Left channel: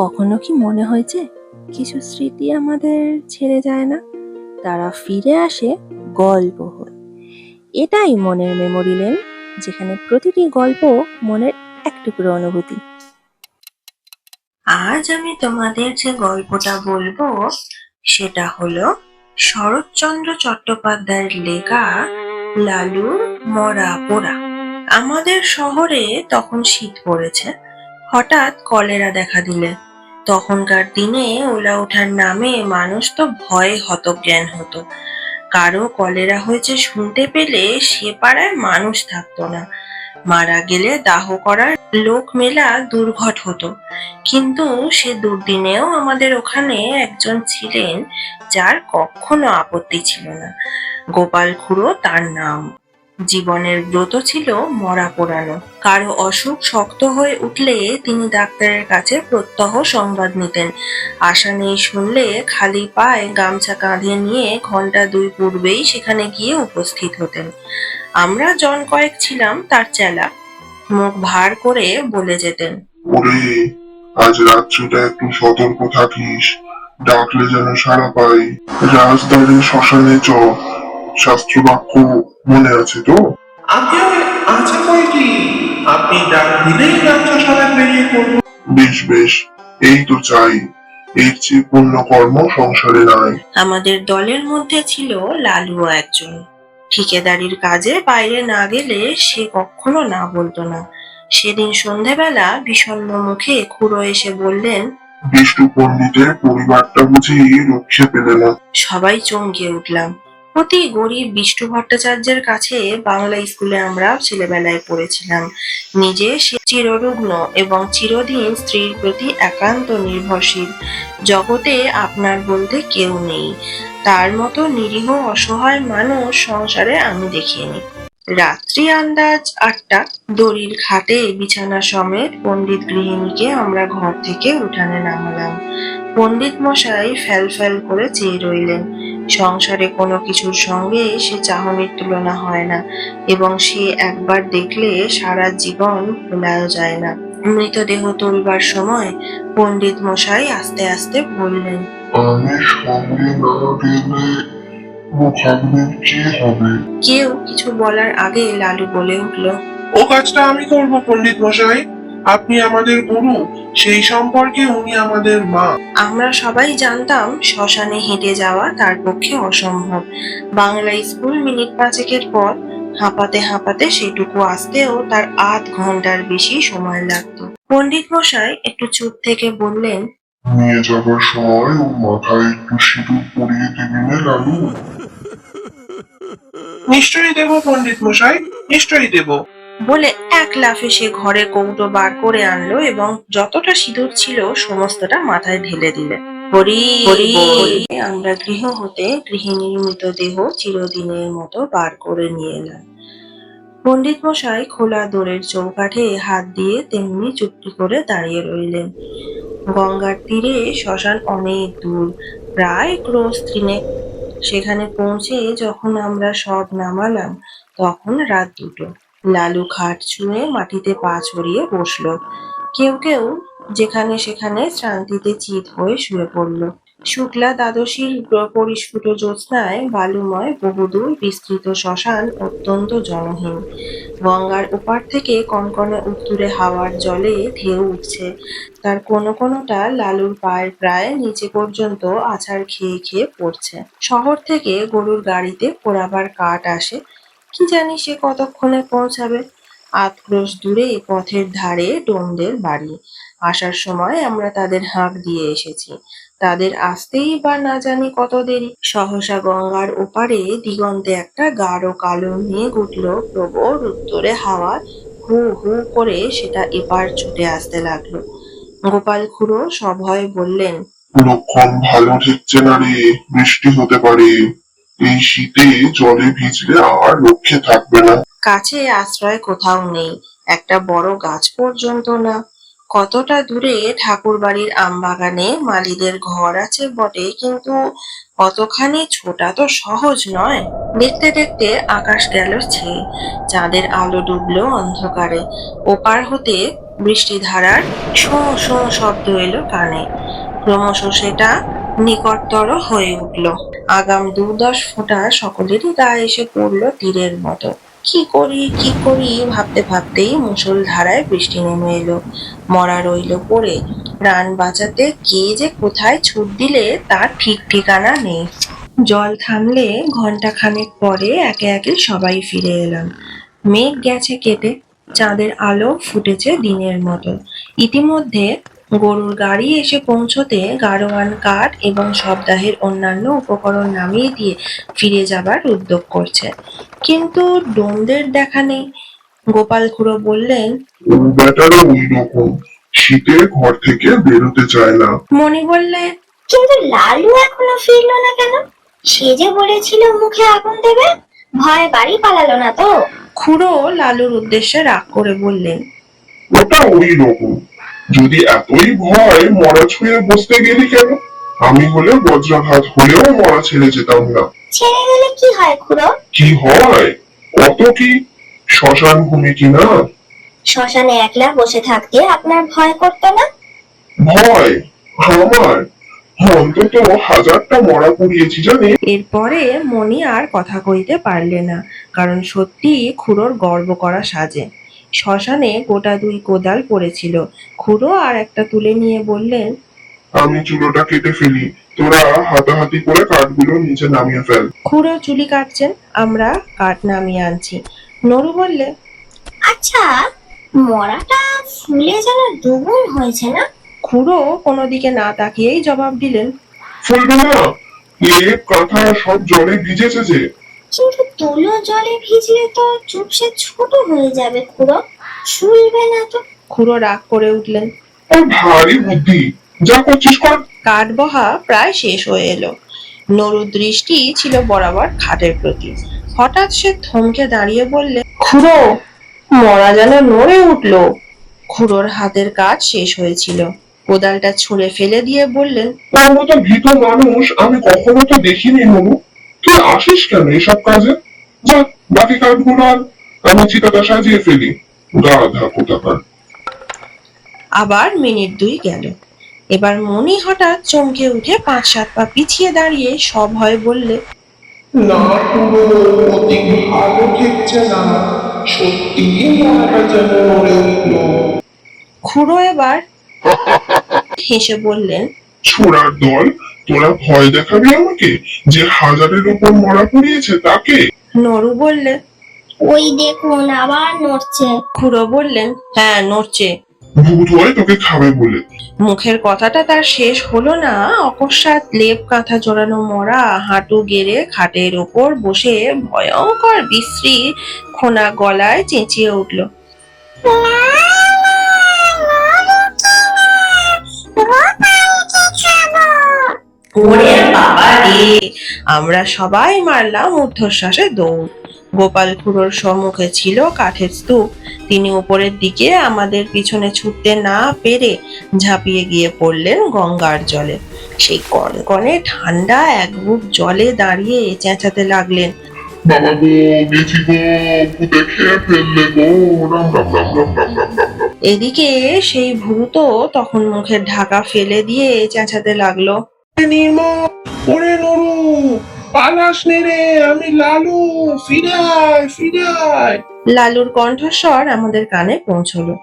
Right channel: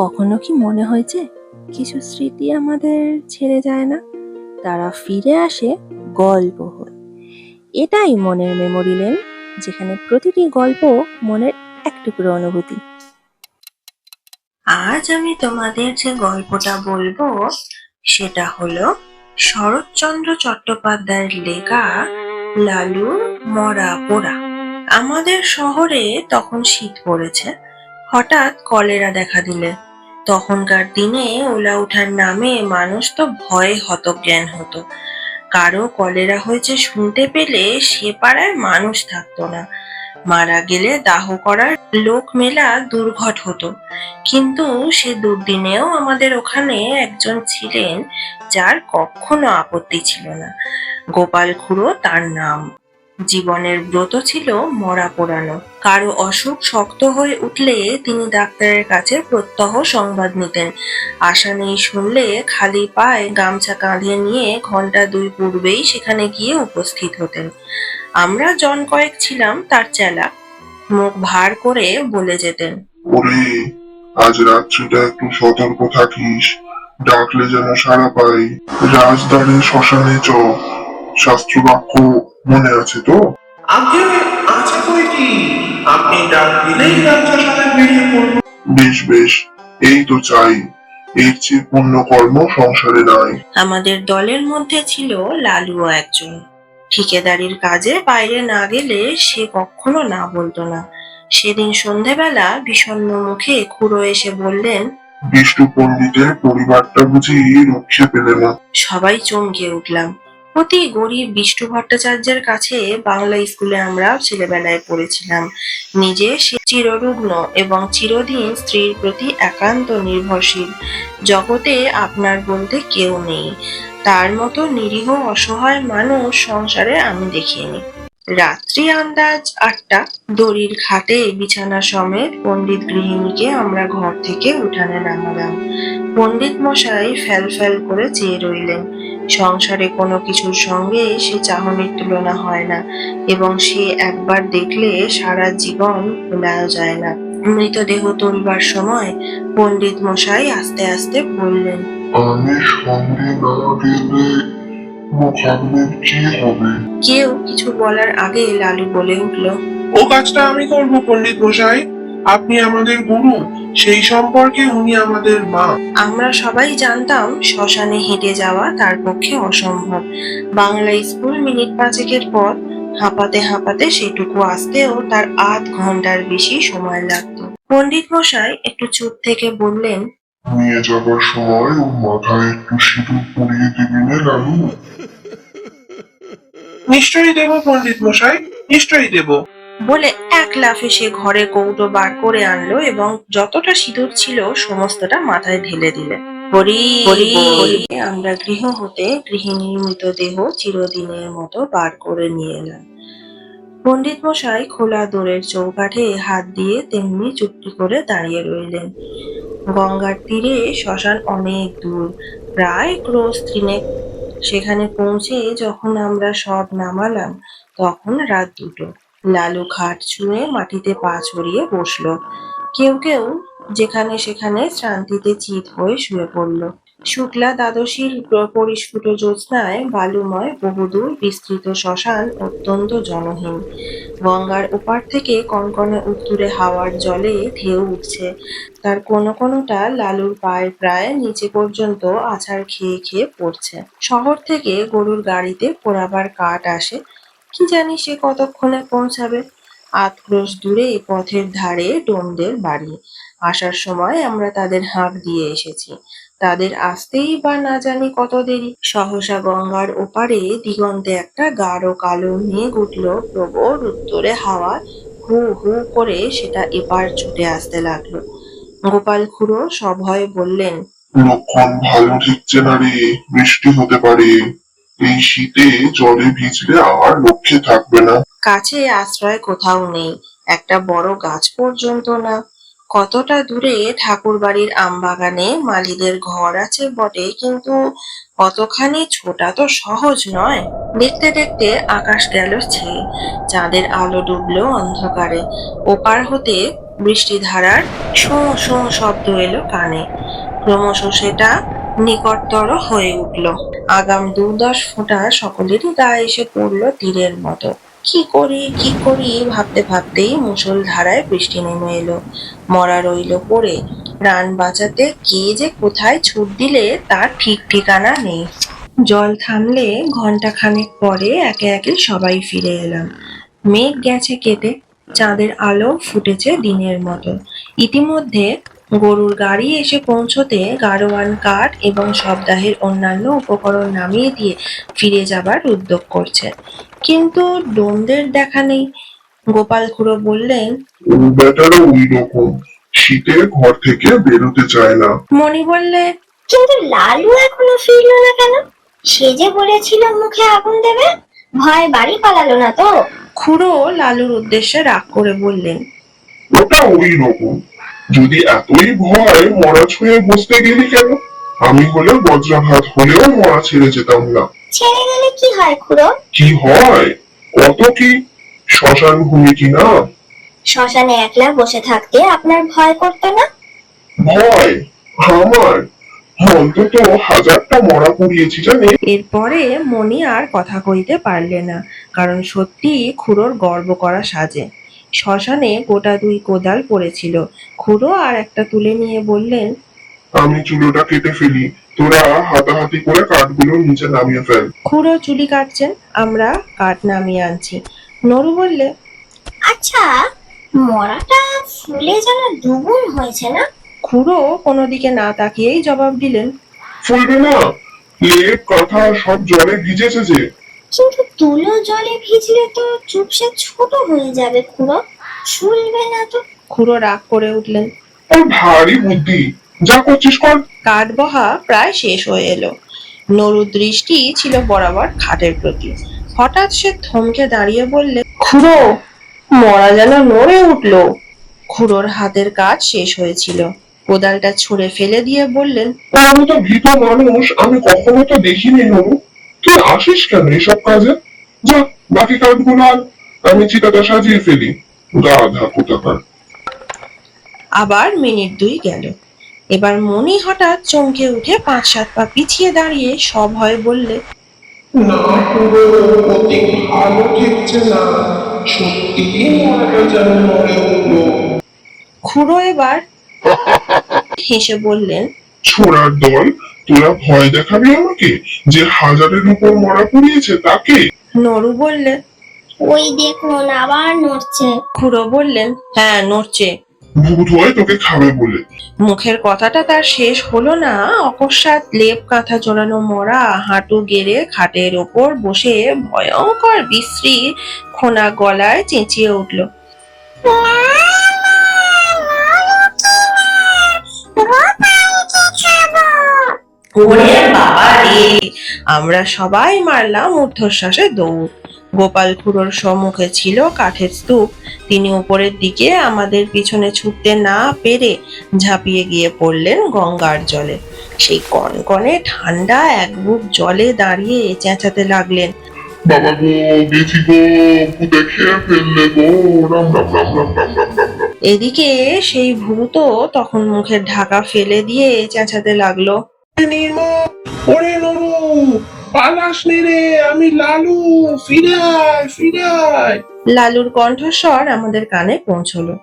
কখনো কি মনে হয়েছে কিছু স্মৃতি আমাদের ছেড়ে যায় না, তারা ফিরে আসে গল্প হয়ে। এটাই মনের মেমোরি লেন, যেখানে প্রতিটি গল্প মনের এক টুকরো অনুভূতি। আজ আমি তোমাদের যে গল্পটা বলবো সেটা হলো শরৎচন্দ্র চট্টোপাধ্যায়ের লেখা লালুর মরা পোড়া। আমাদের শহরে তখন শীত পড়েছে। হঠাৎ কলেরা দেখা দিলে তখনকার দিনে ওলা ওঠার নামে মানুষ তো ভয়ে হতজ্ঞান হতো। কারো কলেরা হয়েছে শুনতে পেলে সে পাড়ায় মানুষ থাকতো না। মারা গেলে দাহ করার লোক মেলা দুর্ঘট হতো। কিন্তু সে দুর্দিনেও আমাদের ওখানে একজন ছিলেন যার কখনো আপত্তি ছিল না। গোপাল খুড়ো তার নাম। জীবনের ব্রত ছিল মরা পোড়ানো। কারো অসুখ শক্ত হয়ে উঠলে তিনি ডাক্তারের কাছে প্রত্যহ সংবাদ নিতেন। আশা নেই শুনলে খালি পায়ে গামছা কাঁধে নিয়ে ঘন্টা 2 পূর্বেই সেখানে গিয়ে উপস্থিত হতেন। আমরা জন কয়েক ছিলাম তার চেলা। মুখ ভার করে বলে যেতেন, ওরে, আজ রাত্রিটা একটু সতর্ক থাকিস, ডাকলে যেন সাড়া পাই। রাজদ্বারে শ্মশানে চ, শাস্ত্রবাক্য মনে আছে তো? আগে আছে কয়টি, আপনি ডাক দিলেই গামছা সাথে বেরিয়ে পড়বো। বেশ বেশ, এই তো চাই। এর চেয়ে পুণ্য কর্ম সংসারে নাই। আমাদের দলের মধ্যে ছিল লালুও একজন। ঠিকাদারির কাজে বাইরে না গেলে সে কখনো না বলতো না। সেদিন সন্ধেবেলা বিষণ্ণ মুখে খুড়ো এসে বললেন, বিষ্ণু পণ্ডিতের পরিবারটা বুঝি রক্ষে পেলে না। সবাই চমকে উঠলাম। অতি গরিব বিষ্ণু ভট্টাচার্যের কাছে বাংলা স্কুলে আমরা ছেলেবেলায় পড়েছিলাম। নিজে সে চিররুগ্ন এবং চিরদিন স্ত্রীর প্রতি একান্ত নির্ভরশীল। জগতে আপনার বলতে কেউ নেই। তার মতো নিরীহ অসহায় মানুষ সংসারে আমি দেখিনি। রাত্রি আন্দাজ 8টা। দড়ির খাটে বিছানা সমেত পণ্ডিত গৃহিণীকে আমরা ঘর থেকে উঠানে নামালাম। পণ্ডিত মশাই ফ্যাল ফ্যাল করে চেয়ে রইলেন। সংসারে কোনো কিছুর সঙ্গে সে চাহনির তুলনা হয় না, এবং সে একবার দেখলে সারা জীবন ভোলাও যায় না। মৃতদেহ তোলবার সময় পণ্ডিত মশাই আস্তে আস্তে বললেন, আমি সঙ্গে না গেলে ভাবলেন কি হবে? কেউ কিছু বলার আগে লালু বলে উঠল, ও কাজটা আমি করবো পণ্ডিত মশাই, আপনি আমাদের গুরু, সেই সম্পর্কে উনি আমাদের মা। আমরা সবাই জানতাম শ্মশানে হেঁটে যাওয়া তার পক্ষে অসম্ভব। বাংলা স্কুল মিনিট 5 পর হাঁপাতে হাঁপাতে সেটুকু আসতেও তার আধ ঘন্টার বেশি সময় লাগতো। পণ্ডিত মশাই একটু চুপ থেকে বললেন, নিয়ে যাবার সময় ওর মাথায় একটু সিঁদুর পরিয়ে দিবি না লালু? নিশ্চয়ই দেব পণ্ডিত মশাই, নিশ্চয়ই দেব। বলে এক লাফে সে ঘরে কৌটো বার করে আনলো এবং যতটা সিঁদুর ছিল সমস্তটা মাথায় ঢেলে দিলে। হরি হরি বলে আমরা গৃহ হতে গৃহিণীর মৃতদেহ চিরদিনের মতো বার করে নিয়ে এলাম। পণ্ডিত মশাই খোলা দোরের চৌকাঠে হাত দিয়ে তেমনি চুপটি করে দাঁড়িয়ে রইলেন। গঙ্গার তীরে শ্মশান অনেক দূর, প্রায় ক্রোশ 3 সেখানে পৌঁছে যখন আমরা সব নামালাম তখন রাত 2টো। লালু খাট ছুঁয়ে মাটিতে পা ছড়িয়ে বসলো। কেউ কেউ যেখানে সেখানে শ্রান্তিতে চিত হয়ে শুয়ে পড়ল। শুক্লা দ্বাদশীর পরিস্ফুট জ্যোৎস্নায় বালুময় বহুদূর বিস্তৃত শ্মশান অত্যন্ত জনহীন। গঙ্গার ওপার থেকে কনকনে উত্তুরে হাওয়ার জলে ঢেউ উঠছে। তার কোনো কোনোটা লালুর পায়ের প্রায় নিচে পর্যন্ত আছাড় খেয়ে খেয়ে পড়ছে। শহর থেকে গরুর গাড়িতে পোড়াবার কাঠ আসে। কি জানি সে কতক্ষণে পৌঁছাবে। 8 ক্রোশ দূরে পথের ধারে ডোমদের বাড়ি। আসার সময় আমরা তাদের হাঁক দিয়ে এসেছি। তাদের আসতেই বা না জানি কত দেরি। সহসা গঙ্গার ওপারে দিগন্তে একটা গাঢ় কালো মেঘ উঠল প্রবল উত্তরে হাওয়ায় হু হু করে সেটা এপার ছুটে আসতে লাগলো। গোপাল খুড়ো সভয়ে বললেন, লক্ষণ ভালো ঠেকছে না রে, বৃষ্টি হতে পারে। এই শীতে জলে ভিজলে আর রক্ষে থাকবে না। কাছে আশ্রয় কোথাও নেই, একটা বড় গাছ পর্যন্ত না। কতটা দূরে ঠাকুর বাড়ির আমবাগানে মালীদের ঘর আছে বটে, কিন্তু অতখানি ছোটা তো সহজ নয়। দেখতে দেখতে আকাশ গেল ছেয়ে, চাঁদের আলো ডুবলো অন্ধকারে। ওপার হতে বৃষ্টিধারার শোঁ শোঁ শব্দ এলো কানে। ক্রমশ সেটা নিকটতর হয়ে উঠল। আগাম ২-১০ ফোঁটা সকলেরই গায়ে এসে পড়ল তীরের মতো। কি করি কি করি ভাবতে ভাবতেই মুষলধারায় বৃষ্টি নেমে এলো। মরা রইল পড়ে। প্রাণ বাঁচাতে কে যে কোথায় ছুট দিলে তার ঠিক ঠিকানা নেই। জল থামলে ঘন্টাখানেক পরে একে একে সবাই ফিরে এলাম। মেঘ গেছে কেটে, চাঁদের আলো ফুটেছে দিনের মতো। ইতিমধ্যে গরুর গাড়ি এসে পৌঁছতে গাড়োয়ান কাঠ এবং সপ্তাহের অন্যান্য উপকরণ নামিয়ে দিয়ে ফিরে যাবার উদ্যোগ করছে। কিন্তু ডোমদের দেখা নেই। গোপাল খুড়ো বললেন, বেটারা ওই রকম, শীতে ঘর থেকে বেরোতে চায় না। মণি বললে, কিন্তু লালু এখনো ফিরলো না কেন? সে যে বলেছিল মুখে আগুন দেবে, ভয় বাড়ি পালালো না তো? খুড়ো লালুর উদ্দেশ্যে রাগ করে বললেন, ওটা ওই রকম, যদি এতই ভয় মরা ছুঁয়ে বসতে গেলি কেন? আমি হলে বজ্রাঘাত হলেও মরা ছেড়ে যেতাম না। ছেড়ে গেলে কি হয় খুড়ো? কি হয়? কত কি, শ্মশান ভূমি কিনা। শ্মশানে একলা বসে থাকতে আপনার ভয় করতো না? ভয় আমার? অন্তত ১০০০টা মরা পুড়িয়েছি জানি। এরপরে মণি আর কথা কইতে পারলে না, কারণ সত্যি খুড়োর গর্ব করা সাজে। শ্মশানে গোটা ২ কোদাল পড়েছিল। খুড়ো আর একটা তুলে নিয়ে বললেন, আমি চুলোটা কেটে ফেলি, তোরা হাতাহাতি করে কাঠগুলো নিচে নামিয়ে ফেল। খুড়ো চুলি কাটছেন, আমরা কাঠ নামিয়ে আনছি। নরু বললে, আচ্ছা, মরাটা ফুলে যেন দুগুণ হয়েছে না? খুড়ো কোনো দিকে না তাকিয়েই জবাব দিলেন, ফুলবে না, লেপ কাঁথা সব জলে ভিজেছে যে। কিন্তু তুলো জলে ভিজলে তো চুপসে ছোট হয়ে যাবে খুড়ো, শুলবে না তো? খুড়ো রাগ করে উঠলেন। ওর ভারী বুদ্ধি, যা করছিস কর। কাঠ বহা প্রায় শেষ হয়ে এলো। নরুর দৃষ্টি ছিল বরাবর খাটের প্রতি। হঠাৎ সে থমকে দাঁড়িয়ে বললে, খুড়ো, মরা যেন নড়ে উঠলো। খুড়োর হাতের কাজ শেষ হয়েছিল। কোদালটা ছুঁড়ে ফেলে দিয়ে বললেন, ওর মতো ভীত মানুষ আমি কখনো তো দেখিনি হবু। তুই আসিস কেন এসব কাজে? যা, বাকি কাঠগুলো আর আমি চিতাটা সাজিয়ে ফেলি। গাধা কোথাকার। আবার মিনিট ২ গেল। এবার মণি হঠাৎ চমকে উঠে ৫-৭ পা পিছিয়ে দাঁড়িয়ে সভয়ে বললে, না পুরো অতি ভালো ঠেকছে না, সত্যি মরাটা যেন নড়ে উঠলো। খুড়ো এবার হেসে বললেন, ছোড়ার দল, তোরা ভয় দেখাবি আমাকে যে ১০০০-এর উপর মরা পড়িয়েছে তাকে? নরু বললে, ওই দেখুন আবার নড়ছে। খুড়ো বললেন, হ্যাঁ নড়ছে। ভূত হয় তোকে খাবে বলে। মুখের কথাটা তার শেষ হলো না, অকস্মাৎ লেপ কাঁথা জড়ানো মরা হাঁটু গেড়ে খাটের ওপর বসে ভয়ঙ্কর বিশ্রী খোনা গলায় চেঁচিয়ে উঠল, ওরে বাবা রে! আমরা সবাই মারলাম ঊর্ধ্বশ্বাসে দৌড়। গোপাল খুড়োর সম্মুখে ছিল কাঠের স্তূপ। তিনি উপরের দিকে আমাদের পিছনে ছুটতে না পেরে ঝাঁপিয়ে গিয়ে পড়লেন গঙ্গার জলে। সেই কনকনে ঠান্ডা এক বুক জলে দাঁড়িয়ে চেঁচাতে লাগলেন, বাবা গো, গেছি গো, ভূতে খেয়ে ফেললে গো, রাম রাম রাম রাম রাম রাম রাম রাম। এদিকে সেই ভূতও তখন মুখের ঢাকা ফেলে দিয়ে চেঁচাতে লাগলো, নির্মল, ওরে নরু, পালাস নে রে, আমি লালু, ফিরে আয় ফিরে আয়। লালুর কণ্ঠস্বর আমাদের কানে পৌঁছলো।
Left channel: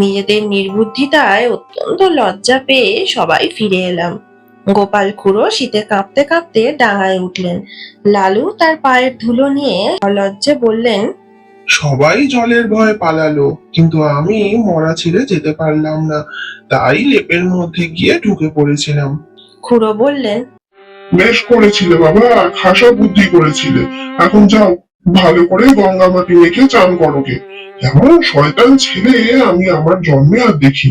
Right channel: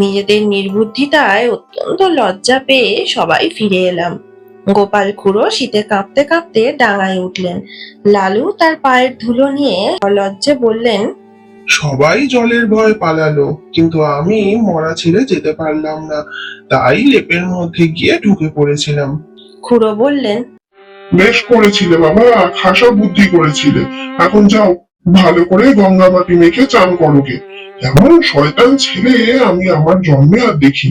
নিজেদের নির্বুদ্ধিতায় অত্যন্ত লজ্জা পেয়ে সবাই ফিরে এলাম। গোপাল খুড়ো শীতে কাঁপতে কাঁপতে ডাঙায় উঠলেন। লালু তার পায়ের ধুলো নিয়ে অলজ্জে বললেন, সবাই জলের ভয় পালালো, কিন্তু আমি মরা ছেড়ে যেতে পারলাম না, তাই লেপের মধ্যে গিয়ে ঢুকে পড়েছিলাম। খুড়ো বললেন, বেশ করেছিলে বাবা, খাসা বুদ্ধি করেছিলে। এখন যাও, ভালো করে গঙ্গা মাটি মেখে চান করো গে। এমন শয়তান ছেলে আমি আমার জন্মে আর দেখি।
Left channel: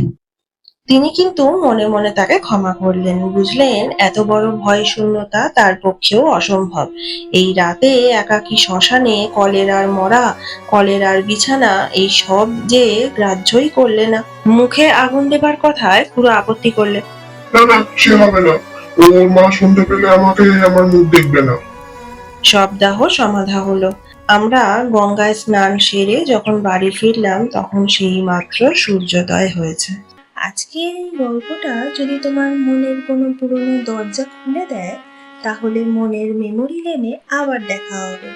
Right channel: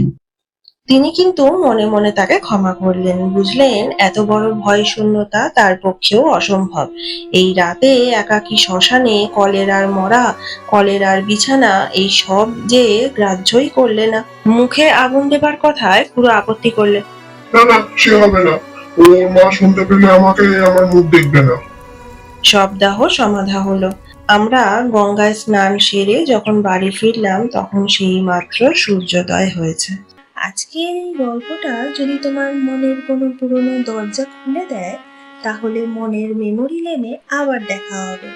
তিনি কিন্তু মনে মনে তাকে ক্ষমা করলেন। বুঝলেন এত বড় ভয় শূন্যতা তার পক্ষেও অসম্ভব। এই রাতে একাকী শ্মশানে কলেরার মরা, কলেরার বিছানা, এই সব যে গ্রাহ্যই করলে না। মুখে আগুন দেবার কথায় খুড়ো আপত্তি করলে, না না, সে হবে না। ওর মা শুনতে পেলে আমাকে আমার মুখ দেখবে না। সব দাহ সমাধা হলো। আমরা গঙ্গায় স্নান সেরে যখন বাড়ি ফিরলাম তখন সেই মাত্র সূর্যোদয় হয়েছে। আজকের এই গল্পটা যদি তোমার মনের কোনো পুরনো দরজা খুলে দেয়, তাহলে মনের মেমোরি লেনে আবার দেখা হবে।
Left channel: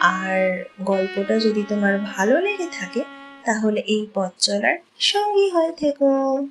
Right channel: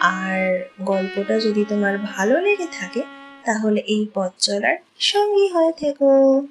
আর গল্পটা যদি তোমার ভালো লেগে থাকে, তাহলে এই পথ চলার সঙ্গী হয়ে থেকো।